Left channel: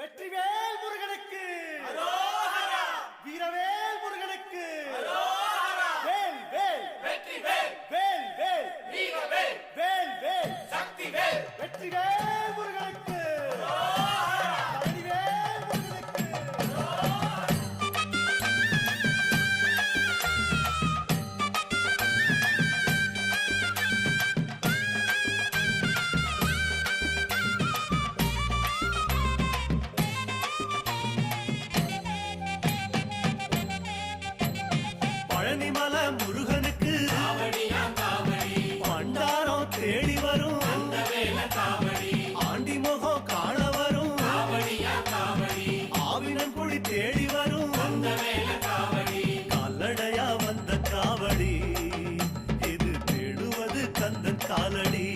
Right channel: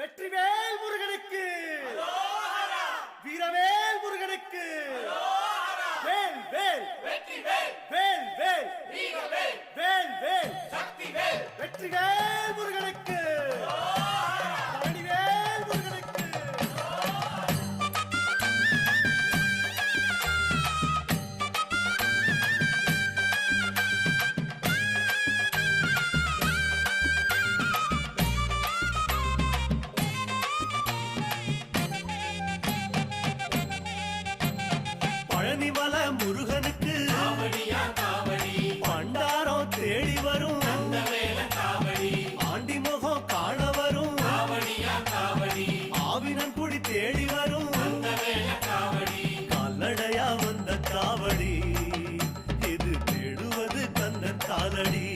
வெற்றிவேல் முருகனுக்கு, வீரவேல் முருகனுக்கு, வேல் வேல் வேல் வேல் வேல் வேல் வெற்றிவேல் முருகனுக்கு, பழனிவேல் முருகனுக்கு. பழனிமல முருகனுக்கு பண்டாரம் தேடி வரும், ஆண்டி முகம் காண வரும், ஆவினன் குடி தேடி வரும், கால்நடையா வந்த காவடி இது தேடுவது கந்தன் காலடி.